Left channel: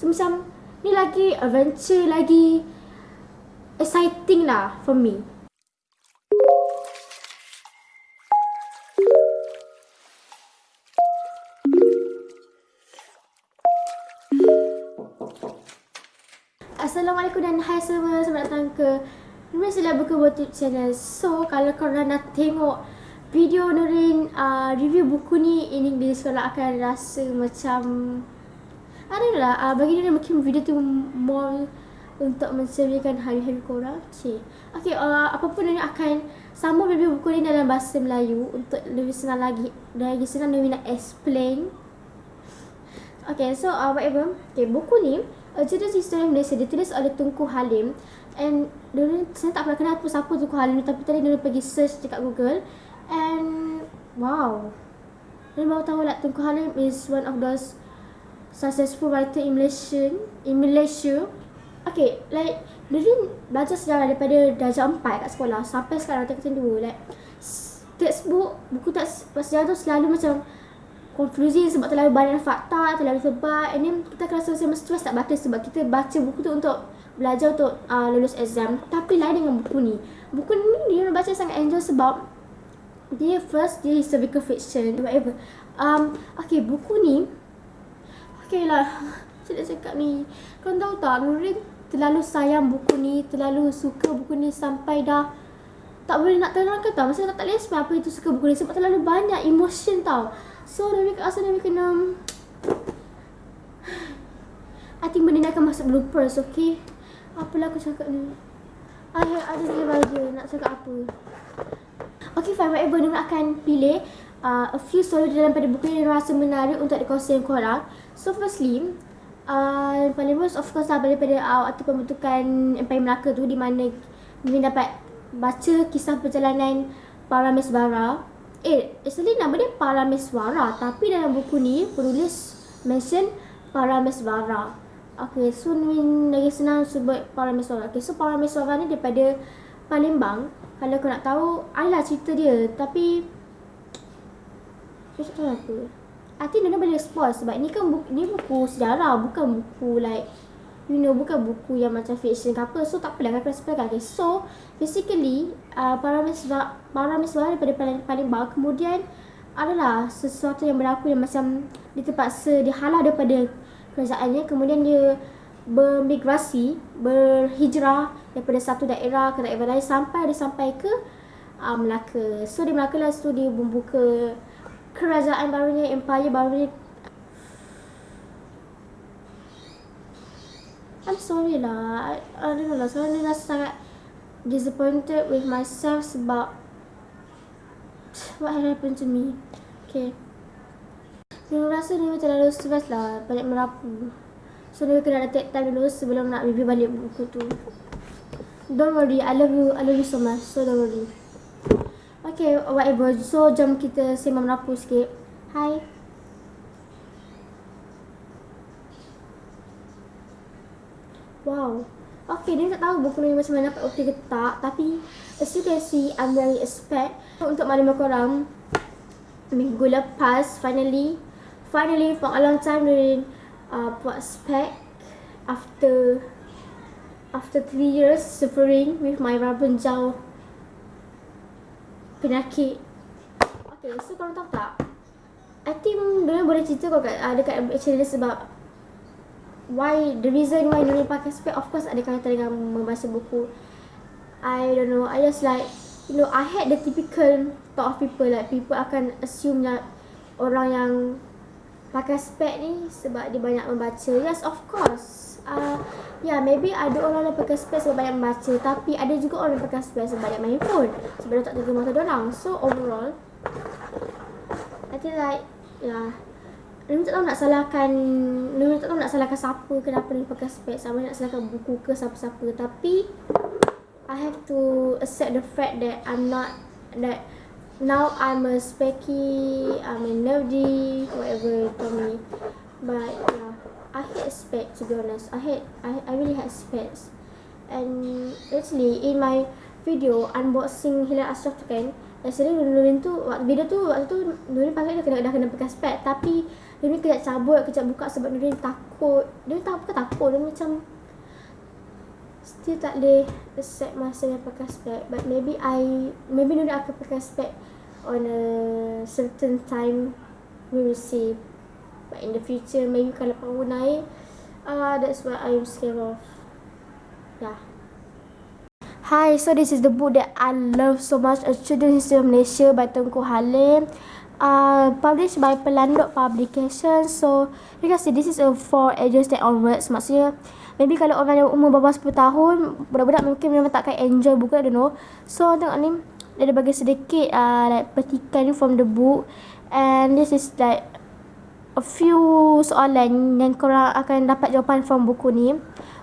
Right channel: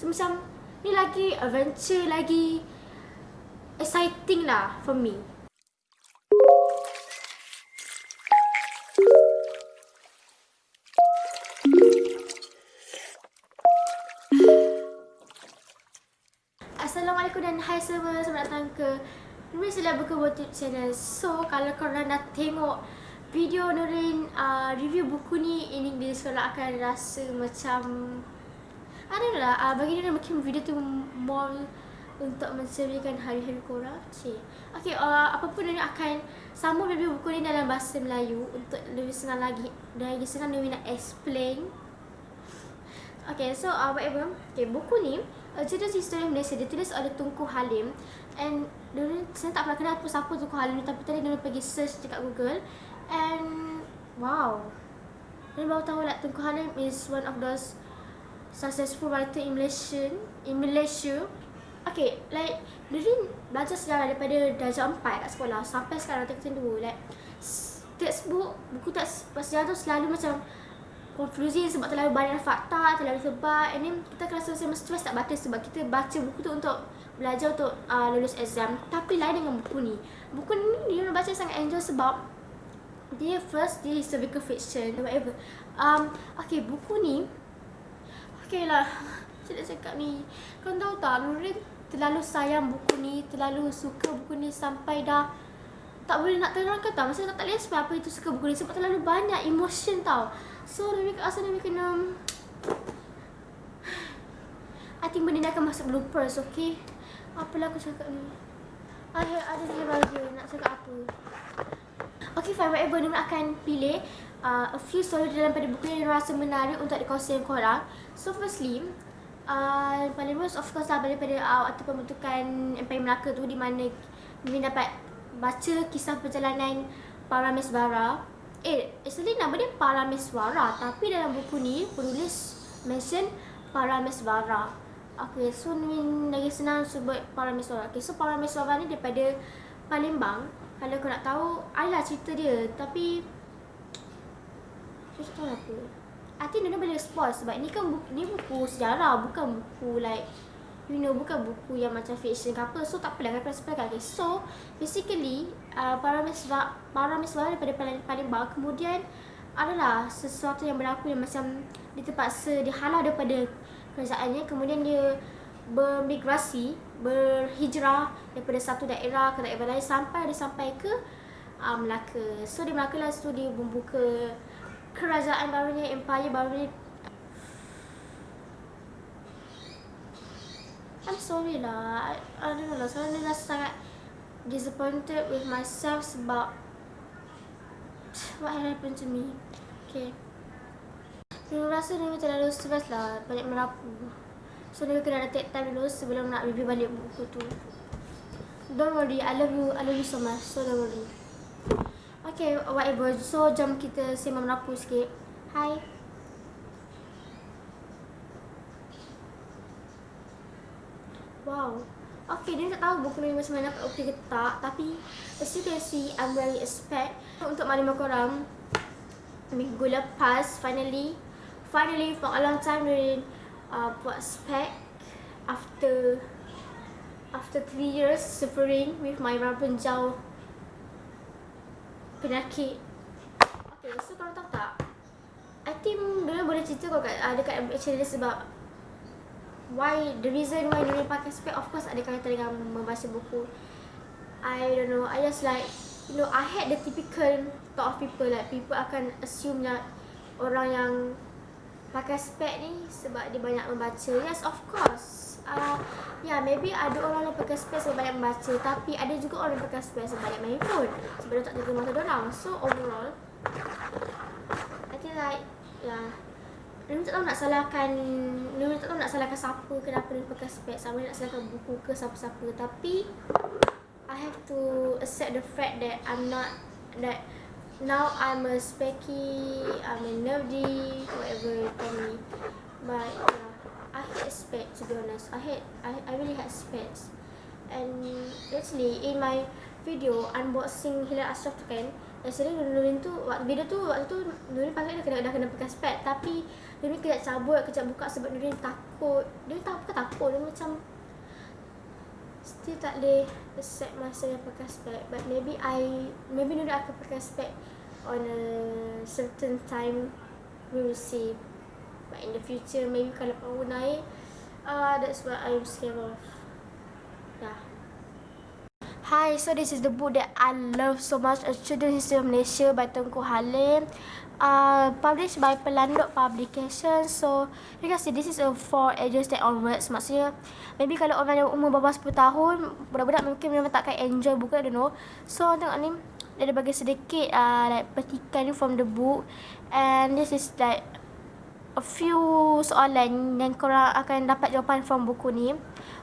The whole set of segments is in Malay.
So macam ni lagi adventure, lagi exciting lah for me. Assalamualaikum dan hai semua, selamat datang ke Nurin Sila Buku YouTube channel. So kalau korang dah tengok video Nurin review buku ni, ini korang akan rasa macam bagi Nurin mungkin video tu more untuk menceriakan hari-hari korang. Okay, apapun Nurin akan sambung review buku ni dalam bahasa Melayu untuk lebih senang lagi, senang Nurin nak explain. Okay, so whatever. Okay, buku ni Judul History Malaysia ditulis oleh Tunku Halim. And saya tak pernah kenal siapa Tunku Halim ni, tapi tadi Nurin pergi search dekat Google. And wow, Nurin baru tahu lah Tunku Halim is one of those successful writer in Malaysia. Okay, like Nurin belajar sejarah daripada darjah 4 kat sekolah sampai sekarang tingkatan 2. Like textbook, buku teks sejarah tu selalu macam confusing sebab terlalu banyak fakta, terlalu tebal. And then kita akan rasa macam stress tak baca sebab kita baca buku tu untuk belajar untuk lulus exam. Tapi lain dengan buku ni. Buku ni dia baca sangat enjoy sebab dia historical fiction, whatever. Okay, buku ni okay lah, saya nak cakap ni, kau tahu tak, Nurin terlalu sayang buku ni, terlalu suka buku ni sampai dah tak boleh nak terangkan tau. Masa tak boleh explain apa itu suka buku ni sebab terlalu banyak emotion tau. So Nurin rasa Nurin kena, I think benda ni akan masuk bloopers, okay? Apalah aku cakap ni, ada bahagia nak cakap apa. Okay fine, whatever. Nurin akan pilih a few story dalam pada buku ni yang rasa menarik untuk dikongsi dengan korang. So firstly, paling most of course lah daripada waktu pembentukan Empire Melaka tu, di mana Nurin dapat baca kisah perjalanan Parameswara. Actually nama dia Parameswara, tapi dalam buku ni penulis mention Parameswara. Okay, so Nurin lagi senang sebut Parameswara. Okay, so Parameswara ni daripada Palembang. Kalau kau nak tahu, adalah cerita dia, tapi saya tak tahu apa. I think Nurin boleh spoil sebab ni kan ni buku sejarah, bukan buku like bukan buku yang macam fiction ke apa. So tak apalah, aku explain. Okay, so basically Parameswara daripada Palembang kemudian adalah sesuatu yang berlaku yang macam dia terpaksa dihalau daripada kerajaannya, kemudian dia berhijrah daripada satu daerah ke daerah lain sampai ke Melaka. So di Melaka lah dia membuka kerajaan barunya, empire barunya. I'm sorry lah, I don't know lah, sekarang ni rasa sangat disappointed with myself sebab what happened to me. Okay, Nurin rasa Nurin terlalu stress lah, banyak merapu. So Nurin kena ada take time dulu sebelum nak review balik buku tu. Don't worry, I love you so much, so don't worry. Okay, whatever. So jom kita sembang merapu sikit. Hai. Wow. Okay, dia tak tahu buku ni macam mana dapat okey ke tak, tapi as you can see, I'm wearing a spec. Untuk maklumat korang, minggu lepas finally for a long time Nurin buat spec after 3 years suffering with my rabunjau penyakit. Okay, so korang tahu tak, I think Nurin boleh cerita kau dekat channel sebab the reason why Nurin pakai spec, of course ada kaitan dengan membaca buku. I don't know, I just like, I had the typical thought of people, like people akan assume that orang yang pakai spec ni sebab dia banyak membaca. Yes, of course. Maybe ada orang yang pakai spek sebab banyak membaca, tapi ada juga orang yang pakai spek sebab banyak main phone, sebab dia tak jaga mata dorang. So overall, I think like, Nurin tak tahu nak salahkan siapa kenapa Nurin pakai spek, sama nak salahkan buku ke siapa-siapa. Tapi I have to accept the fact that now I'm a specky, I'm a nerdy, whatever you call me. But I hate specs, to be honest. I really hate specs. And actually in my video unboxing Hilal Ashraf tu kan, actually Nurin tu waktu tu Nurin pakai dah kena pakai spek, tapi Nurin kejap cabut, kejap buka sebab Nurin takut. Nurin bukan macam still tak boleh accept masa yang pakai spek. But maybe Nuri akan pakai spek on a certain time. We will see. But in the future, maybe kalau power naik, that's what I'm scared of. Yeah. Hi, so this is the book that I love so much, A Children's History of Malaysia by Tengku Halim. Published by Pelanduk Publication. So you can see this is for ages 10 onwards. Maksudnya maybe kalau orang yang umur bawah 10 tahun, budak-budak mungkin memang takkan enjoy buku, I don't know. So tengok ni, dia ada bagi sedikit like petikan from the book. And this is like a few soalan yang korang akan dapat jawapan from buku ni,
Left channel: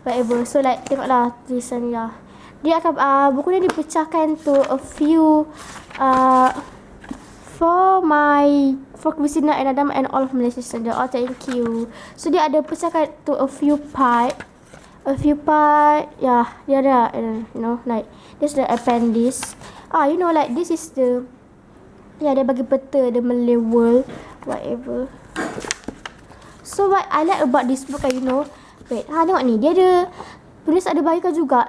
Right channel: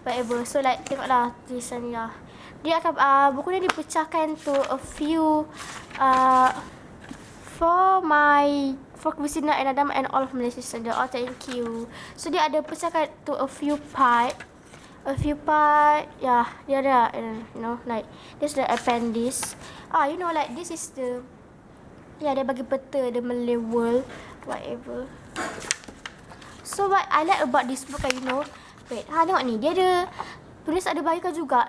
whatever. So like tengoklah tulisan ni lah. Dia akan buku ni dipecahkan to a few for Christina and Adam and all of Malaysia students. Oh, thank you. So dia ada pecahkan to a few part. Yeah, dia ada, you know, like this the appendix. You know, like this is the, yeah, dia bagi peta the Malay world, whatever. So what I like about this book, you know, wait, tengok ni, dia ada tulis, ada bagikan juga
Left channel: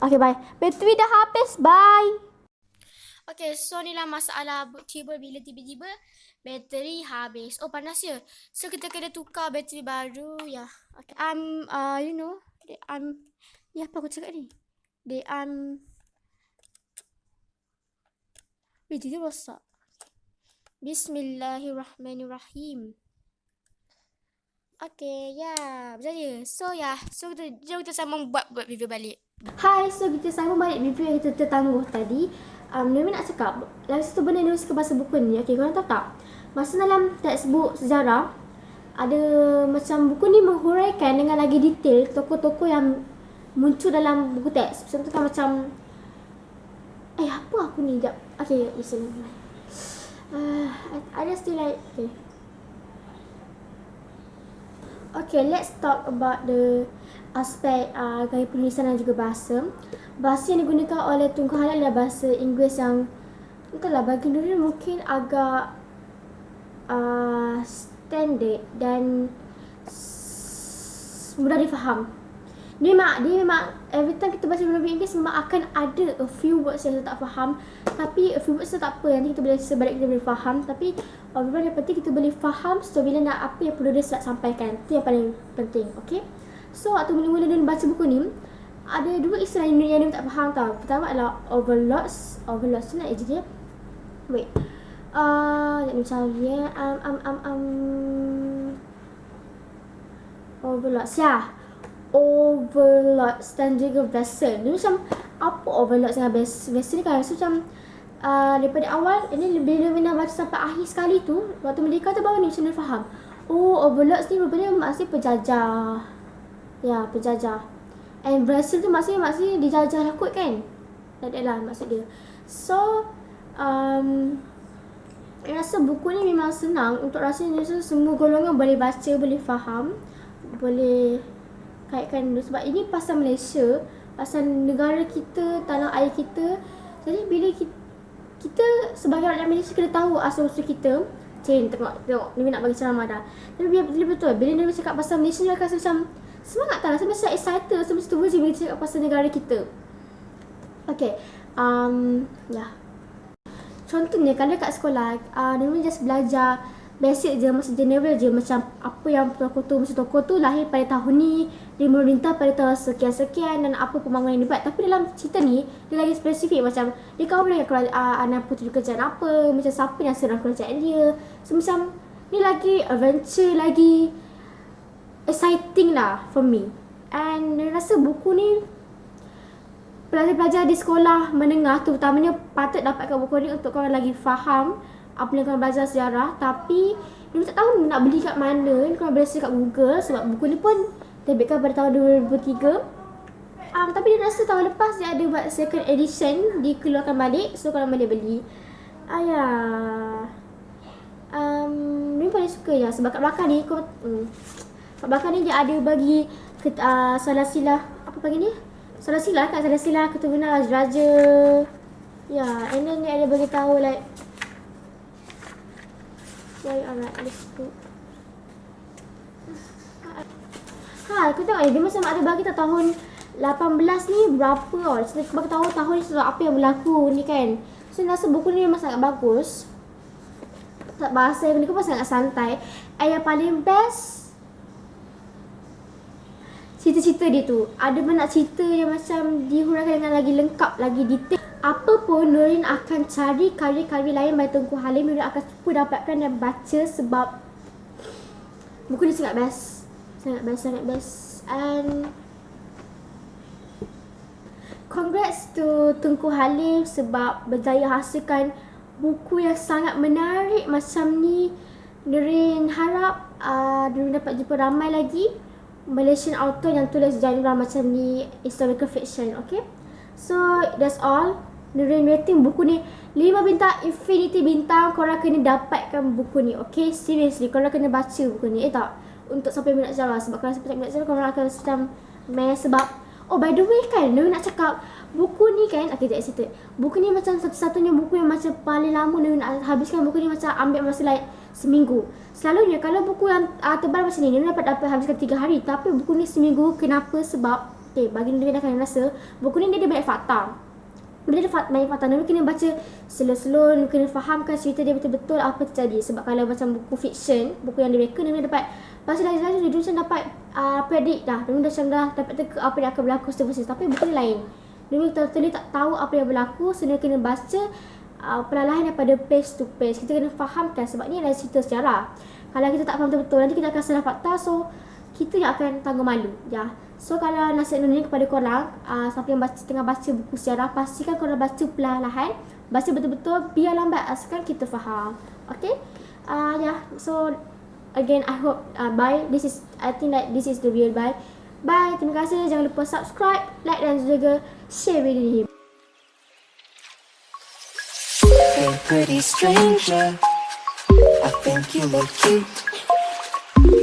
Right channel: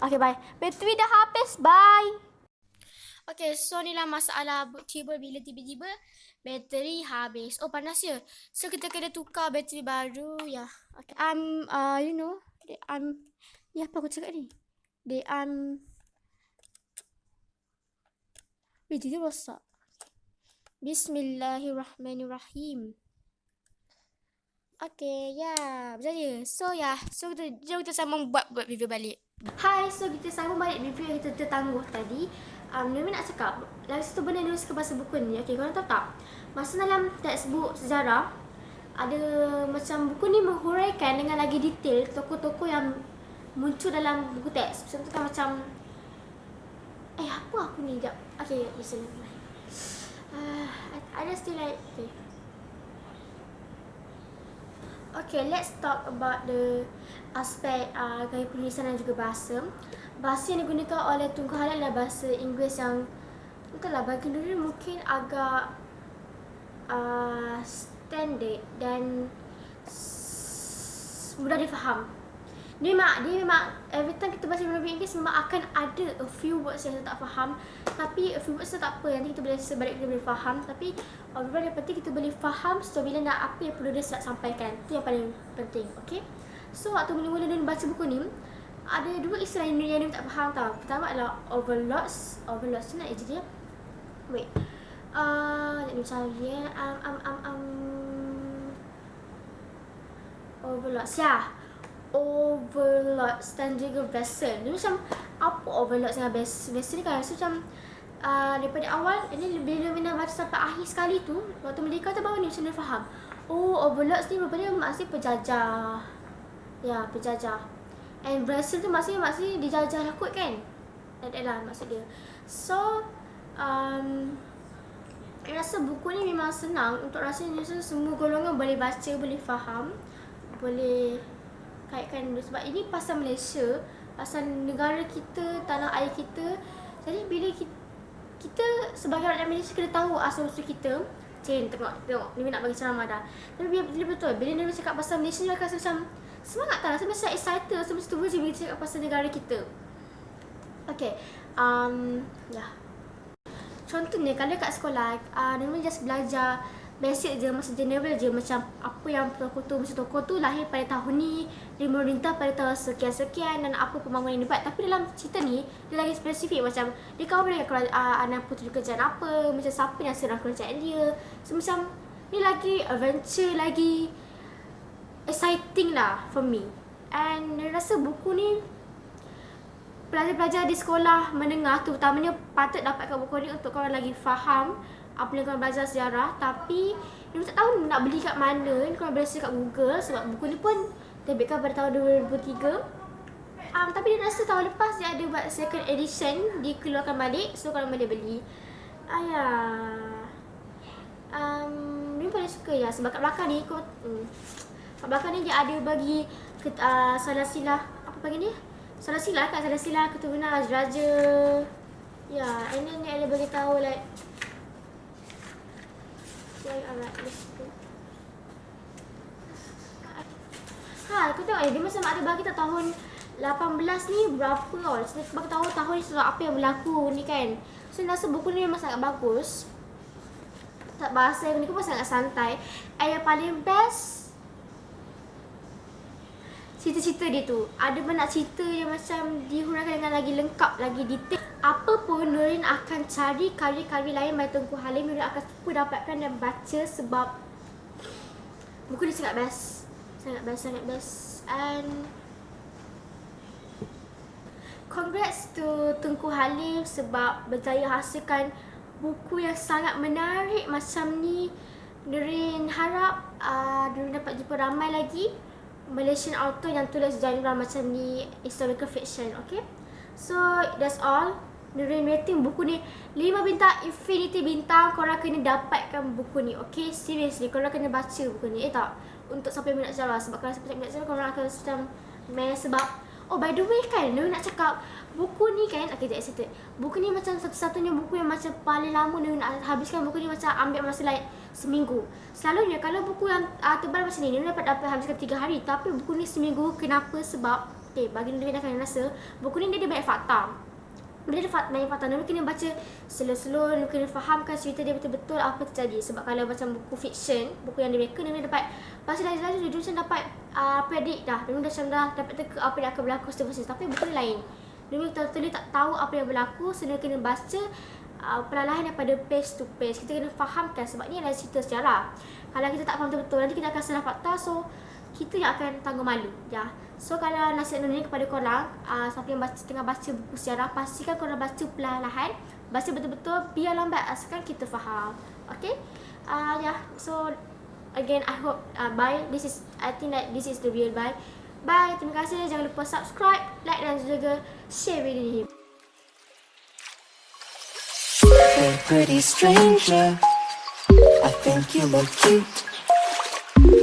okay, bye. Bateri dah habis, bye. Okay, so ni lah masalah book-table bila tiba-tiba bateri habis. Oh, panas ya. So kita kena tukar bateri baru. Ya. Yeah. Okay. You know, ni apa aku cakap ni? Bateri rosak. Bismillahirrahmanirrahim. Okay, ya, berjaya. So jom kita sama buat review balik. Hai, so kita sama balik review yang kita tertangguh tadi. Nuri nak cakap, lagi satu benda Nuri suka bahasa buku ni. Okay, korang tahu tak? Masa dalam textbook sejarah, ada macam buku ni menghuraikan dengan lagi detail tokoh-tokoh yang muncul dalam buku teks. Contohnya macam, apa aku ni? Sekejap. Okay, listen. I just still like, Okay, let's talk about the aspek gaya penulisan dan juga bahasa. Bahasa yang digunakan oleh Tengku Halim adalah bahasa Inggeris yang, entahlah, bagi Nuri mungkin agak standard dan mudah difaham. Dia memang every time kita baca novel Inggeris memang akan ada a few words yang kita tak faham. Tapi a few words tu tak apa, nanti kita boleh sebalik kita boleh faham. Tapi overall yang penting kita boleh faham so bila nak apa yang perlu dia sampaikan. Itu yang paling penting, okay? So waktu mula-mula dia baca buku ni, ada dua istilah yang dia tak faham tau. Pertama adalah overloads tu nak je dia. Wait. Jadi macam dia overloads ya. Overloads dan juga vessel. Dia macam apa overloads dengan vessel ni kan? So macam daripada awal ini bila Nuri baca sampai akhir sekali tu, waktu merdeka tu baru ni macam Nuri faham. Oh, overloads ni rupanya maksudnya penjajah. Ya, penjajah. And vessel tu maksudnya dijajah lah kot kan? Tak lah maksud dia. So saya rasa buku ni memang senang untuk rasanya semua golongan boleh baca, boleh faham, boleh kaitkan. Sebab ini pasal Malaysia, pasal negara kita, tanah air kita. Jadi bila kita sebagai rakyat Malaysia kena tahu asal-usul kita. Tengok Nuri nak bagi ceramah dah. Tapi bila betul, bila Nuri cakap pasal Malaysia ni akan rasa macam semangat tak lah. Saya macam excited, saya macam tu je bila cakap pasal negara kita. Okay, ya. Contohnya kalau kat sekolah, Nuri just belajar basic je, macam general je, macam apa yang tokoh tu lahir pada tahun ni, dia memerintah pada tahun sekian-sekian dan apa pembangunan yang dibuat. Tapi dalam cerita ni dia lagi spesifik, macam dia kawan dengan anak puteri kerajaan apa, macam siapa yang serang kerajaan dia. So macam ni lagi adventure, lagi exciting lah for me. And saya rasa buku ni pelajar-pelajar di sekolah menengah tu terutamanya patut dapatkan buku ni untuk korang lagi faham apa yang korang belajar sejarah. Tapi dia tak tahu nak beli kat mana. Korang boleh search kat Google sebab buku ni pun terbitkan pada tahun 2003. Tapi dia rasa tahun lepas dia ada buat second edition, dikeluarkan balik, so korang boleh beli. Ni paling suka ya sebab kat belakang ni kat belakang ni dia ada bagi salah silah, apa panggil ni? Salah silah keturunan raja. Ya, and then dia ada bagi tahu like alright, let's go. Aku tengok dia macam ada bagi tak tahun 18 ni berapa tau. Saya bagi tahu tahun ni apa yang berlaku ni kan. So saya rasa buku ni memang sangat bagus. Tak bahasa ni pun sangat santai. Yang paling best cerita-cerita dia tu. Ada banyak cerita yang macam dihuraikan dengan lagi lengkap, lagi detail. Apa pun Nurin akan cari karya-karya lain by Tengku Halim. Nurin akan cuba dapatkan dan baca sebab buku ni sangat best. Sangat best. And congrats to Tengku Halim sebab berjaya hasilkan buku yang sangat menarik macam ni. Nurin harap Nurin dapat jumpa ramai lagi Malaysian author yang tulis genre macam ni, historical fiction, okay? So, that's all. Nurin rating buku ni 5 bintang, infinity bintang. Korang kena dapatkan buku ni, okay? Seriously, korang kena baca buku ni. Tak, untuk sampai minat sejarah. Sebab kalau sampai minat sejarah, korang akan macam meh. Sebab, oh by the way kan, Nurin nak cakap buku ni kan, okay, sekejap cerita. Buku ni macam satu-satunya buku yang macam paling lama Nurin nak habiskan. Buku ni macam ambil masa like seminggu. Selalunya kalau buku yang tebal macam ni, Nurin dapat habiskan 3 hari. Tapi buku ni seminggu. Kenapa? Sebab, okay, bagi Nurin akan rasa buku ni dia ada banyak fakta. Dia ada banyak fakta. Nurin kena baca slow-slow. Nurin kena fahamkan cerita dia betul-betul apa terjadi. Sebab kalau macam buku fiction, buku yang direka, Nurin dapat baca lagi-lagi, Nurin macam dapat predict dah. Nurin dah dapat teka apa yang akan berlaku seterusnya. Tapi buku ni lain. Nurin totally tak tahu apa yang berlaku. So Nurin kena baca perlahan daripada page to page. Kita kena fahamkan sebab ni adalah cerita sejarah. Kalau kita tak faham betul-betul, nanti kita akan salah fakta. So kita yang akan tanggung malu, ya. So kalau nasihat Nurin kepada korang, siapa yang tengah baca buku sejarah, pastikan korang baca perlahan-lahan, baca betul-betul, biar lambat asalkan kita faham. Okay, yeah. So again, I hope bye. I think that this is the real bye. Bye. Terima kasih. Jangan lupa subscribe, like dan juga share video ni. Hey pretty stranger, I think you look cute.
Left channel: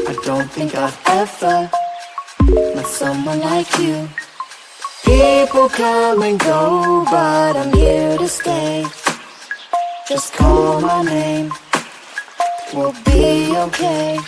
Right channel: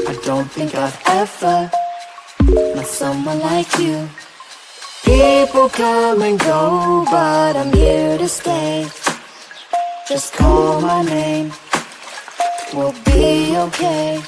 I don't think I've ever met someone like you. People come and go, but I'm here to stay. Just call my name, we'll be okay.